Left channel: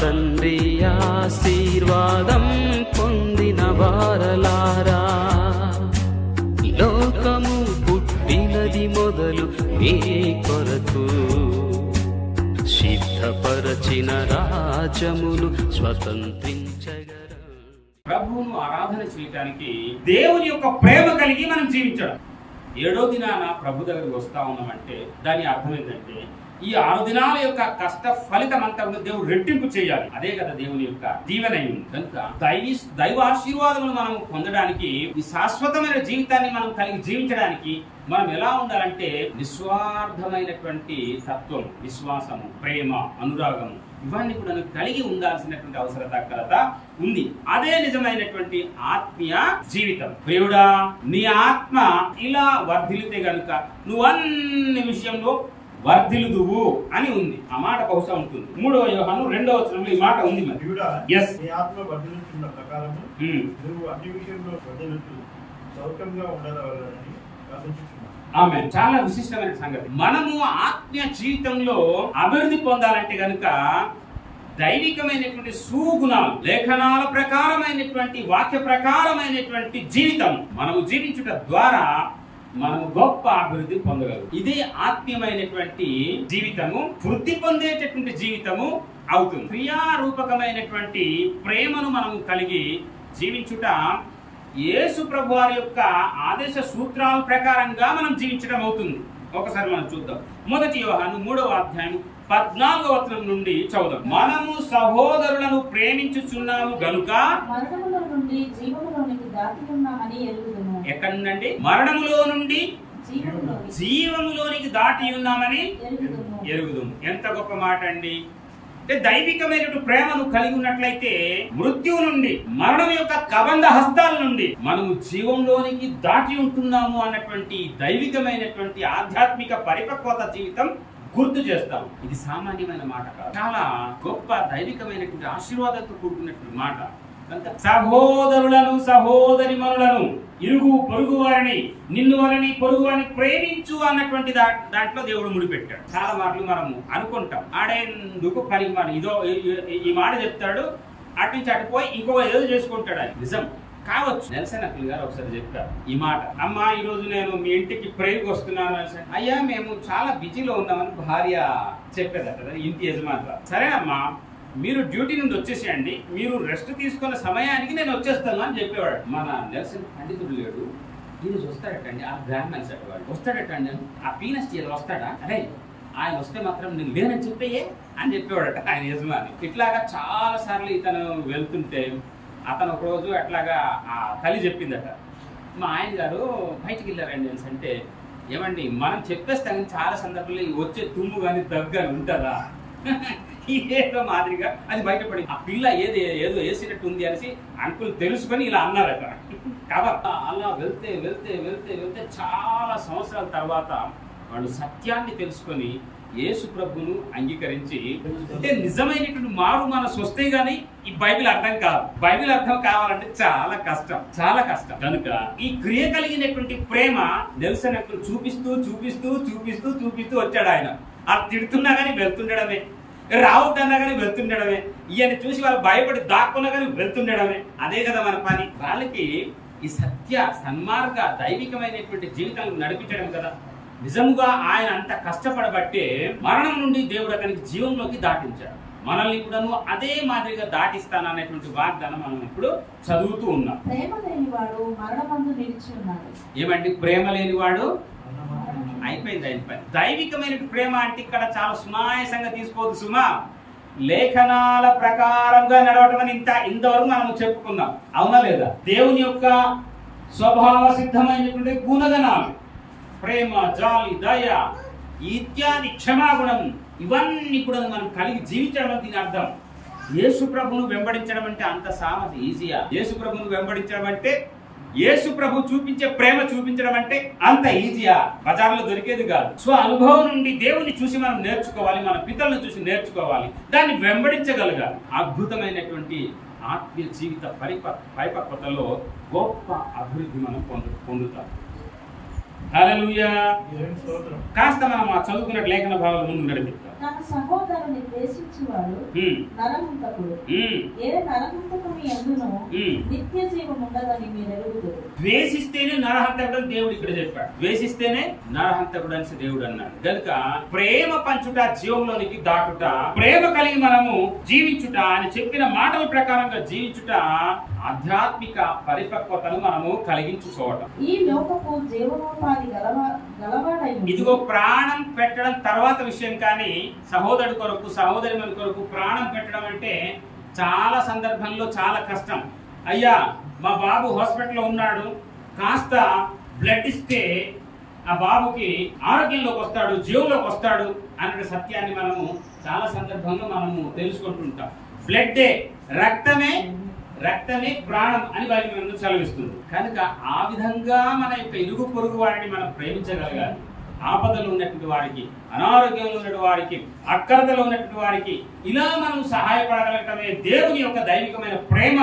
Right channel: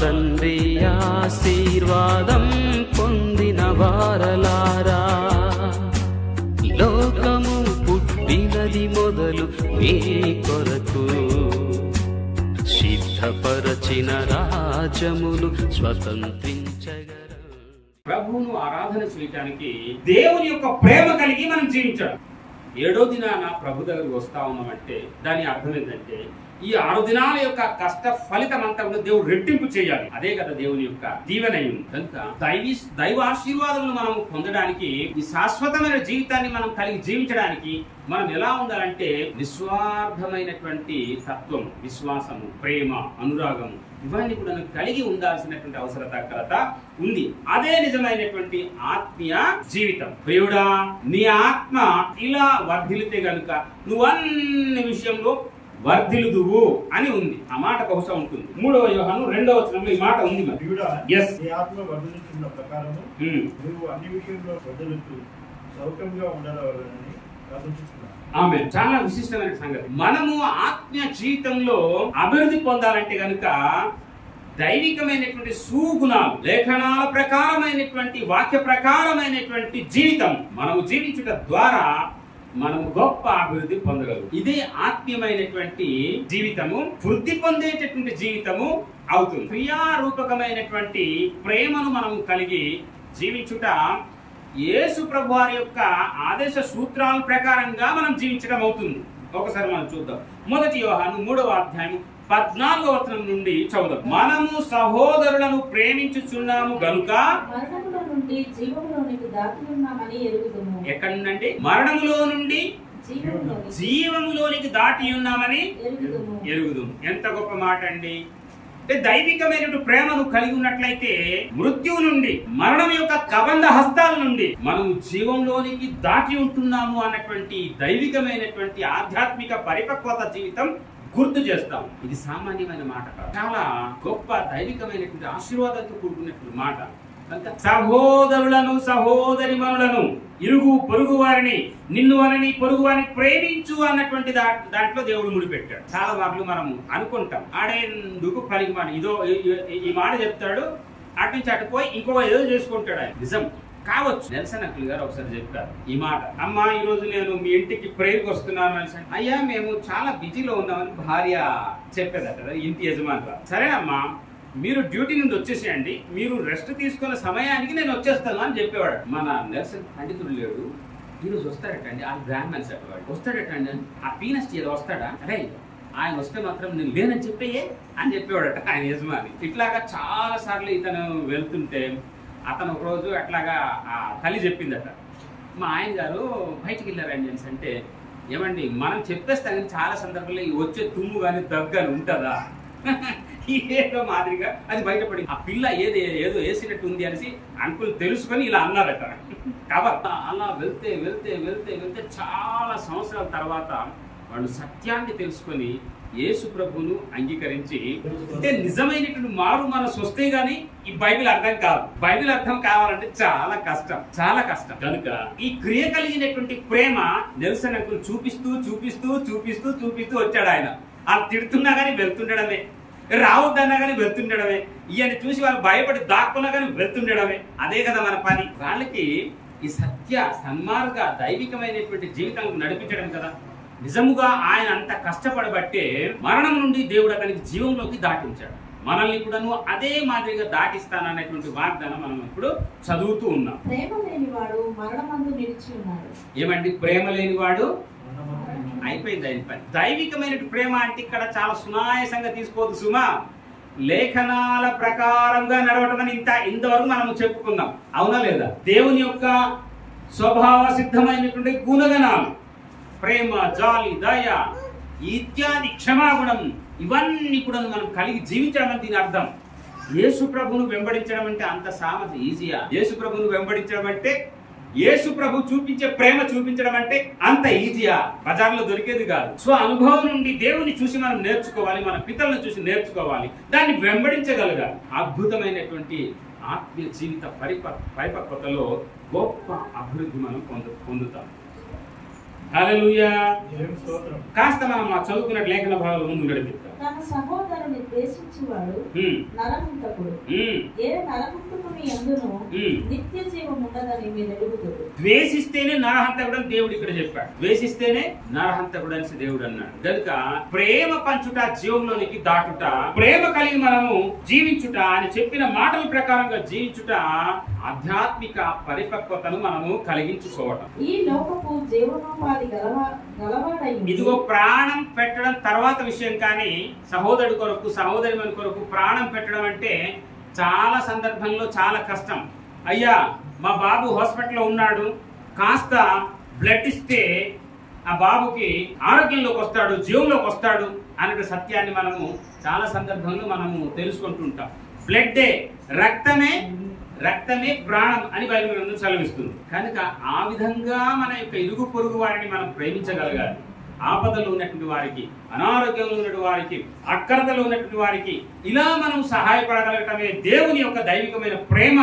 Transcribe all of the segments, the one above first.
తండ్రి ఆశీర్వాదం పొందిన వారలారా, లోకము పుట్టినది మొదలు మీ కొరకు సిద్ధపరచిన రాజ్యమును స్వతంత్రించగలరు. ప్రభువును ఆరాధన చేయటానికి దేవుని యొక్క ప్రేమ కలిగి మనం జీవించడం. 7వ దినాన ప్రభు దగ్గరికి వస్తా ఉన్నామంటే దాని అర్థం ఏంటంటే ఈ 6 దినాల యొక్క కష్ట ఫలితం అంతా కూడా దేవుడు రెట్టింపు చేయాలి. అదే కదా దేవుని యొక్క దీవెనయుంది. కనుక దైవ ఆశీర్వాదములు మనం పొందడానికి, ఈ శాశ్వతమైన జీవితాన్ని మనం కలిగి జీవించడానికి మనం ఎలా ఉండాలంటే నిస్వార్థమైనటువంటి తత్వం, విశ్వాసము, ప్రేమ, అనురాగము ఇవన్నీ కూడా కలిగి ఉండాల్సినటువంటి అవసరత ఉంది. అదే నిజమైనటువంటి ఆత్మీయ జీవితం. ప్రియుడా, నీ ఆత్మ ఇలా వర్ధిల్లితే గనుక నువ్వు అన్ని విషయంలో వర్ధిల్లుదువు అని ఉంది. ఆ మాట బహుశా ఉంటుంది. 3వ యోహాను 2వ వచనంలో ఈ మాట ఉంది. మరి yes, నీ ఆత్మ వర్ధిల్లుచున్న ప్రకారము నువ్వు అన్ని విషయంలో వర్ధిల్లుచు సౌఖ్యంగా ఉండాలని ప్రార్థించుచున్నాను. ఆమేన్. చాలా విశిష్టమైన సంగతి. మనము ఆత్మీయ జీవితంలో అభివృద్ధి పొందాలంటే గనుక దైవికమైనటువంటి సుగుణాలు, లేఖనాల ప్రకారమైనటువంటి, వాక్య ప్రకారమైనటువంటి జీవితం మనము జీవించుట ద్వారా మనము గొప్ప అభివృద్ధి పొందగలరు. ఇదే ఆత్మీయమైనటువంటి జీవితము, వృద్ధి పొందేటటువంటి జీవితము అవుతుంది. క్రియారూపకమైనటువంటి ప్రేమను మనం కలిగి జీవించుట యేసు ప్రభు వారి యొక్క ఆదేశ సూత్రాల ప్రకారంగా మనం జీవించడం అవుతుంది. ఒకసారి మనం చూద్దాం. 1 యోహాను 3వ అధ్యాయం 14వ వచనం నుండి చదువుదాం. మనము సహోదరులను ప్రేమించుచున్నాము గనుక ఎక్కడి నుండి? మరణములో నుండి జీవములోనికి దాటి ఉన్నామని ఎరుగుదుము. ఎంత గొప్ప మాట అండి! అంటే దైవికమైనటువంటి ప్రేమను కలిగి ఉన్నట్లయితే మృత్యువు నుండి, మరణం యొక్క కబంధ హస్తాల నుండి మనము జీవంలోనికి దాటి ఉంటున్నాము అన్నటువంటి దైవికమైనటువంటి ఆధ్యాత్మిక పరిపక్వత జీవితం గుర్తు చేస్తాం. ఇది సామాన్యమైన మాట కాదు, చాలా గొప్ప దైవికమైనటువంటి ఆశీర్వాదంతో కూడుకున్నటువంటి మాట. కనుక సహోదరులను, సహోదరిమణులను, ఇరుగు పొరుగు వారిని, నిన్ను వారిని, పొరుగు వారిని ప్రేమించు అన్నటువంటి దాంట్లో దేవుడు ముడిపెట్టాడు. చాలా మార్లు మనము అనుకుంటాం, ఆడేందుకు పనికి మాట, ఇదో ఈ మాట చెప్తాడు, అటు నుంచి అటు పోయి ఇంకో ఏదో చేసుకుంటాడు. ఆయన నిజం కావచ్చు. నెల్సన్ అంకుల్ గారు ఒకసారి చెప్పారు ఈ మాట. అమ్మా, ఈ రోజు నేను మీ ఇంటికి ప్రేయర్కి వస్తున్నాను అని. అయ్యా, మేము చాలా బిజీలో ఉన్నామని భార్య చెప్పేదట ఇంటి యజమాని. సరేనమ్మా, మీరు డ్యూటీ నుండి వచ్చేసేయండి, మీరు రెస్ట్ తీసుకున్న సమయానికి నేను వచ్చేస్తాను అని చెప్పేవాడు. మన నెల్సన్ పండితుడు లేడు, ఈరోజు వస్తాడటండి, ఆ బ్రాహ్మణ్స్ అట వాడు వస్తాడటండి, ఆ పీనస్ వస్తాడా, అరే ఆయన వస్తే మాత్రం నేను లేనని చెప్పేయే అని చెప్పేవాడట ఆయన యజమాని. ఇట్లాగా చాలా సార్లు ఇతను వెళ్తుంటే అతను ఒకరోజు అట్లాగా ఆ తల్లి చెప్పిందట, మా ఆయన గారు బయటికి వెళ్ళారండి అని. అంటే ఏమండి, మనం చెప్పేస్తాం కానీ చాలా సందర్భాల్లో వచ్చే తుమ్ము కానీ దగ్గు కానీ ఉంటుందా? ఏదో మాదిరిగా అది బయటపడి ఆ పిల్ల ఏదో వేసినట్టు ఉంది అనేసి అంకుల్ తెలుసుకొని ఇలా అన్నారట. కాబట్టి అలా వెళ్తే వెళ్తే వెళ్తే వెళ్తే చాలా సంవత్సరాల తర్వాత వాళ్ళు సత్యాన్ని తెలుసుకొని యేసు ప్రభును అంగీకరించి, అంటే నిజమైనటువంటి మారు మనసు వస్తే గానీ ఈ బైబిల్ అర్థం కాదు. బైబిల్ అర్థం కావాలంటే చాలా కష్టం, చాలా కష్టం. కనుక ఈ క్రియ కలిగినటువంటి ప్రేమ నెల్సన్ అంకుల్ చూపిస్తూ చూపిస్తూ చూపిస్తూ చూపిస్తూ వచ్చాడు. ఆయన అది తిడుతున్నా గానీ వెళ్తుండడమే, రావద్దన్నా కానీ వెళ్తుండడమే, ఈయన చూసి వాళ్ళు భయపడి దాక్కున్నా కానీ వెళ్తుండడమే. అదే కదా మన పని. వాళ్ళకి ఈ సత్య సన్మార్గ దైవికమైనటువంటి జీవితాన్ని నడిపించడం కదా. నిజముగా ఆయన అంత కష్టపడబట్టే మరణం నుండి దేవుడు అతనికి జీవంలోకి దాటించాడు. మనల్ని కూడాను అదే మాదిరిగా దాటిస్తాననేటువంటి వాగ్దానం మనం ఇప్పుడు చదువుతూ ఉన్నాం. ఏమండి, ప్రేమ లేనివాడు అయిపోయింది ఆయన పని. దైవికమైన ప్రేమ అంటే ఇక్కడ చాలా సునాయాసంగా తీసుకోవద్దు సుమా. లేఖనాల ప్రకారంగా నడవటం అని ఇంతవరకు మనం చెప్పుకున్నాం, అవునా లేదా? దేవుని యొక్క స్వభావ సిద్ధమైనటువంటి గుణగణాలు, ప్రేమ, జాలి, దయ ఇత్యాది, క్షమాగుణం, ఇవన్నీ కూడా మనం కలిగి జీవించడం అని దీని అర్థం. యేసు ప్రభును వెంబడించడం అంటే అంత ఈజీయా? యేసు ప్రభును వెంబడించడం అంటే, యేసు ప్రభు చూపించే ప్రేమ చూపించడం అంటే అంత ఈజీయా? బజార్లో దొరికేది కాదు. స్వ అనుభవం నుండి దేవుని చూసి మనం నేర్చుకోవాలి, మన పితలను చూసి నేర్చుకోవాలి, దాన్ని వెంబడించగలగాలి. అద్భుతమైనటువంటి ఆత్మీయ జీవిత పరిపక్వతలో గొప్ప అభివృద్ధి మనం పొందుతాం. హల్లెలూయా. కాస్త మనం ఆ చదువుకున్న లేఖన భాగాల ముందు నడిపిద్దాం. సహోదరుని ద్వేషించువాడు నరహంతకుడు. ఏ నరహంతకుని యందును నిత్య జీవం ఉండదని మీరు ఎరుగుదురు. ద్వేషిస్తేనే నరహంతకుడు అని దేవుడు ఇక్కడ చెప్పాడు. ద్వేషిస్తేనే నరహంతకుడు అని దేవుడు అన్నాడు. కనుక ప్రేమ పంచుట జీవంలోనికి దాటుట, ప్రేమ కలిగి మనము జీవించుట, అని చెప్పిన మాటల ప్రకారంగా జీవించుట ఆధ్యాత్మిక పరిపక్వతను మనము కలిగించుకోవటం. ఈ లోకపు జీవనోపాధి గలవాడై ఇదిగో ప్రాణం పెట్టడం తర్వాత విషయం, కానీ సహోదరుడి కొరకు సహోదరి మన కొరకు ప్రాణం పెట్టడం అంటే చాలా సందర్భంలో చాలా కష్టం. అయ్యా మా బాబు హాస్పిటల్లో ఉన్నాడు, కాస్త బ్లడ్ ఇస్తే ఆ బాబుకి ఆరోగ్యంలోకి వస్తాడు, జీవంలోకి వస్తాడు అనే సత్యాన్ని మనము చాలా సందర్భంలో మనము తెలుసుకుంటుంటాం. బ్లడ్డే రక్తమే ప్రాణం అని బైబిల్ గ్రంథం సెలవిస్తుంది. కనుక ఆ విధంగా మన యొక్క ఇరుగు పొరుగు వారిని మనం ప్రేమించగలగాలి. ఆపదలో ఉన్నటువంటి వారికి, అనారోగ్యంలో ఉన్నటువంటి వారికి, అక్కరతలో ఉన్నటువంటి వారికి ఇలా మనం సహాయపడగలగటమే దేవుని యొక్క దైవికమైన ప్రేమ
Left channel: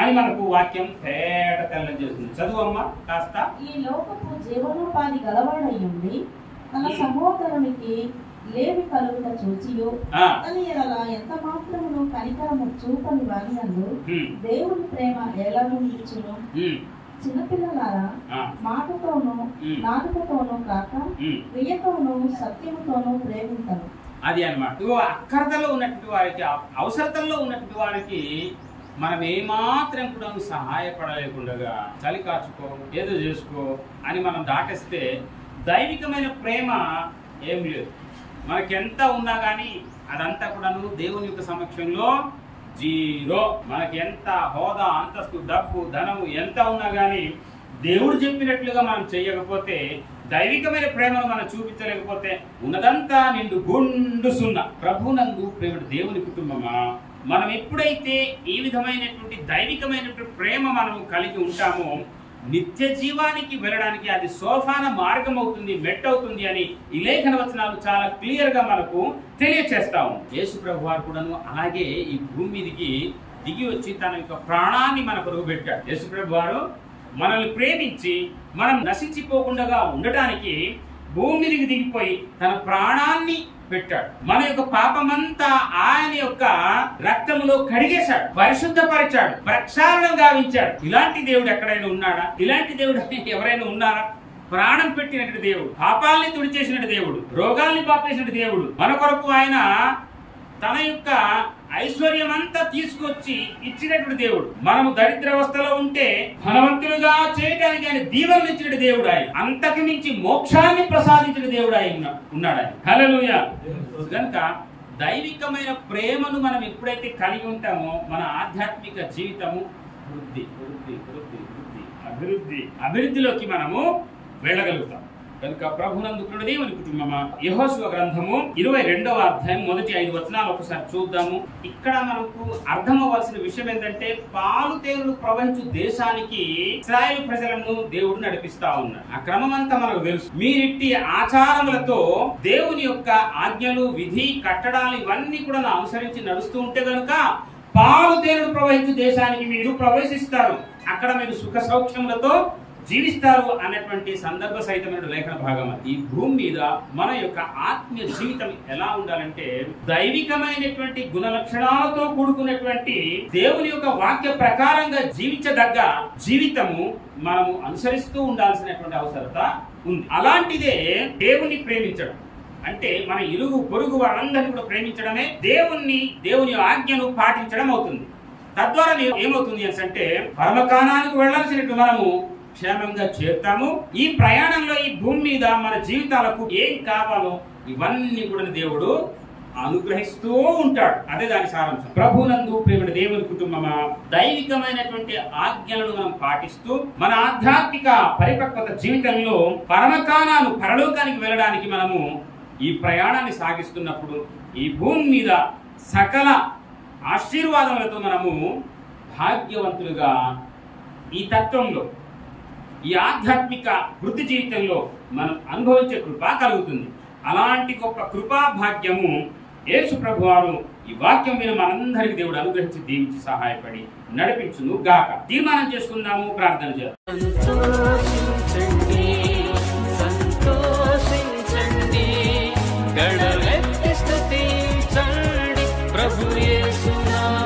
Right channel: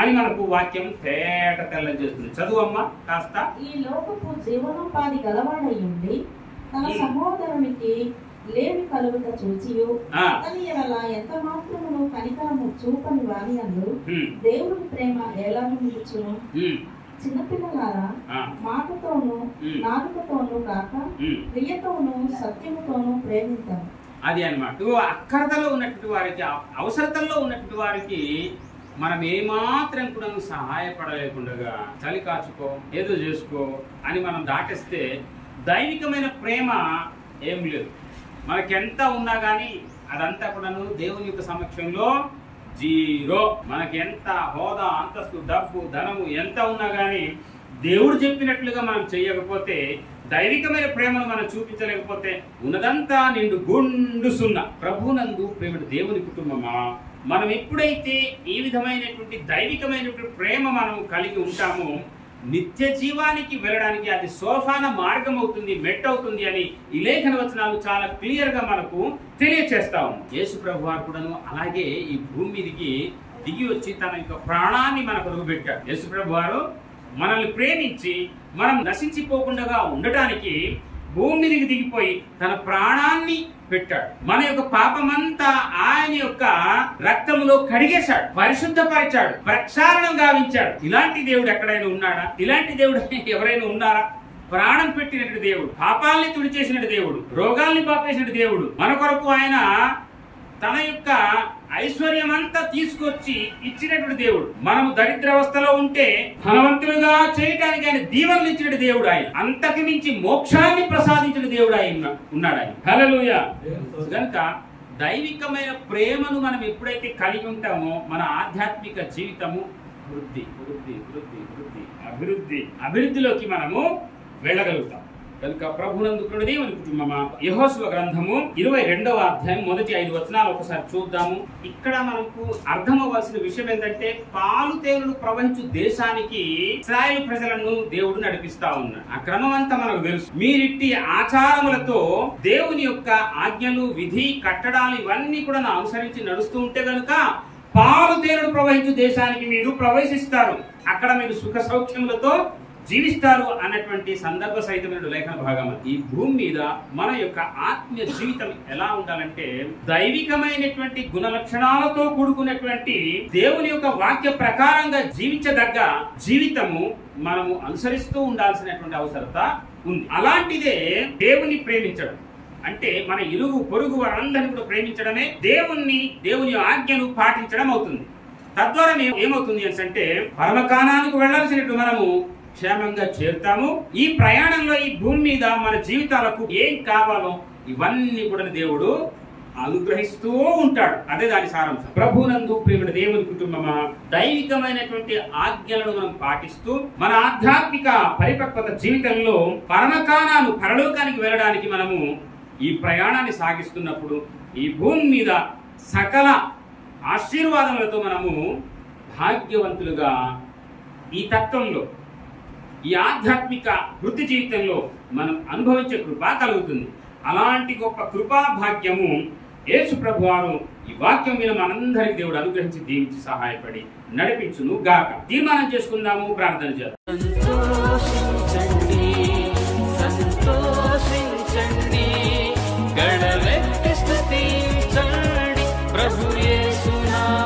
అని మనకు వాక్యం తేట తెల్లం చేస్తుంది. చదువమ్మ కాస్త. ఈ లోకపు జీవనోపాధి గలవాడై ఉండి తన సహోదరునికి లేవి కలుగుట చూచియు అని ఎలా ఎంత మాత్రమును కనికరము చూపని వాని యందు దేవుని ప్రేమ ఎలా నిలుచును? చిన్నపిల్లలారా, మాటతోనూ నాలుకతోనూ కాక క్రియతోనూ సత్యముతోనూ ప్రేమించను. అది అన్నమాట. అక్కరతలో ఉన్నటువంటి వారికి, అవసరతల్లో ఉన్నటువంటి వారికి మనం ఏమాత్రం కూడా సహాయపడలేకుండా చలి కాచుకో, ఏదో చేసుకో అని మనం దాటేస్తే దైవికమైన ప్రేమ ఏం లేదు. మనకెంత ఉన్నా కానీ అదంతా కూడాను దేవుని యొక్క సమక్షంలో జీరో. మనకి ఎంత హోదా, అంతస్తు, డబ్బు, ధనము ఎంత ఉన్నా కానీ దేవుడు చెప్పినట్లుగా మనం చేయకపోతే, దైవికమైన ప్రేమను మనం చూపించలేకపోతే ఉన్నదంతా నిండు గుండు సున్నా. ప్రభునందు ప్రేమ దేవుని కుటుంబమా, మనం ఎప్పుడైతే ఈ విధమైనటువంటి దైవికమైనటువంటి ప్రేమ మనం కలిగి ఉంటామో నిత్య జీవానికి వెళ్ళడానికి అది సోపాన మార్గం అవుతుంది, మెట్ అవుతుంది అని ఈ లేఖన వచనాలు చాలా క్లియర్ గా మనకు తెలియచేస్తా ఉంది. యేసు ప్రభు వారు కూడాను అలాగే ఈ భూమి మీదకి దిగి వచ్చి తన యొక్క ప్రాణాన్ని మన కొరకు పెట్టాడు. యేసు ప్రభు వారు మనల్ని ప్రేమించి మనం నశించిపోకుండా ఉండటానికి భూమి మీదకి దిగిపోయి తన ప్రాణాన్ని పెట్టాడు. మన యొక్క పాపమంతా ఆయన యొక్క రక్తములో కడిగేశాడు, పరిశుద్ధపరిచాడు, ప్రక్షాళన గావించాడు. ఇలాంటి దేవుడు ఎక్కడైనా ఉన్నాడా? ఇలాంటి దేవుడు ఎవరైనా ఉన్నారా? ప్రాణం పెట్టినటువంటి దేవుడు, పాపాలని తుడిచేసినటువంటి దేవుడు, రోగాల్ని పాపేసినటువంటి దేవుడు, మన కొరకు ఆయన తన యొక్క ఐశ్వర్యం అంతా తీసుకొచ్చి ఇచ్చినటువంటి దేవుడు. మనము దరిద్రావస్థలో ఉంటే ధనవంతులుగా చేయడానికి ఆయన దీవెనలు ఇచ్చిన దేవుడు. ఆయన అంతకు మించి మోక్షాన్ని ప్రసాదించిన దేవుడు ఆయన ఉన్నాడు. ఆయన హల్లెలూయా. కనుక దైవికమైన ప్రేమను మనం ఎప్పుడైతే కలిగి ఉంటామో మన ఆధ్యాత్మిక జీవితము అభివృద్ధిలోకి మనము వెళ్ళగలుగుతాం. కనుక ప్రభునందు దేవుని కుటుంబమా, యెహోషువ గ్రంథము 22వ అధ్యాయం మొదటి 5 వచనాలు ఒకసారి చూద్దాము. ఇక్కడ మనకు అర్థం అవ్వాల్సిన విషయం ఏంటంటే, పాలు తేనెలు ప్రవహించు దేశానికి ఇశ్రాయేలు ప్రజలను దేవుడు నడిపిస్తా ఉన్నాడు. ఆ క్రమం అంతా మనకు తెలుసు. మీరిట్టి ఆచారములతో దేవుని యొక్క ఆజ్ఞలు, విధి, కట్టడాలు ఇవన్నీ కూడా అనుసరించి నడుస్తూ ఉంటే గనుక పాలు తేనెలు ప్రవహించు దేశానికి మీరు ప్రవేశిస్తారు, అక్కడ మీరు సుఖ సౌఖ్యములతో జీవిస్తారు అన్నటువంటి సందర్భ సహితమైన లేఖన భాగం. ఈ భూమి మీద మన యొక్క ఆత్మీయ జీవితం ఎలా ఉండాలంటే దైవికమైనటువంటి గుణ లక్షణాలతో కూడుకున్నటువంటి దేవుని యొక్క వాక్య ప్రకారంగా జీవించదగ్గ జీవితము మనము అనుసరిస్తూ ఉండాల్సినటువంటి అవసరత ఉంది. అలాంటిదే దేవుని ప్రేమించడం అంటే మన ఇరుగు పొరుగు వారందరినీ కూడా ప్రేమించడమే దేవుని ఆజ్ఞను పాటించడం అవుతుంది. తద్వారా ఏమవుతుంది అంటే పరమకానానికి వెళ్లాల్సినట్టు మనము క్షేమంగా చేరుతాము. ఈ ప్రయాణంలో ఈ భూమి మీద మన జీవితాలకు ఏం కావాలో ఇవన్నీ కూడా దేవుడు అనుగ్రహిస్తూ ఉంటాడు. అదే దాని సారాంశం. ప్రభునందు ప్రేమ దేవుని కుటుంబమా, దైవికమైనటువంటి ఆజ్ఞలను మనం పాటిస్తూ మన ఆధ్యాత్మిక పరిపక్వత జీవితంలో పరమకానాను, పరలోకానికి వెళ్ళడానికి మనము ఈ ప్రయాణాన్ని సాగిస్తున్నప్పుడు ఈ భూమి మీద సకల ఆశీర్వాదములతో మనము భాగ్యవంతులుగా ఈ తత్వంలో, ఈ ఆధ్యాత్మిక వృత్తి జీవితంలో మనం అనుభవించే కృప కలుగుతుంది. అలాంటి గొప్ప కృపా భాగ్యము యేసు ప్రభు వారు ఈ వాక్యం విన మనందరికి దేవుడు అనుగ్రహించి దీవించి సహాయపడి నడిపించును గాక. తీర్మానం చేసుకుందాము, ప్రార్థన చేద్దాం. సంతోషించండి, గడవెత్తి స్తుతి యేసునామములో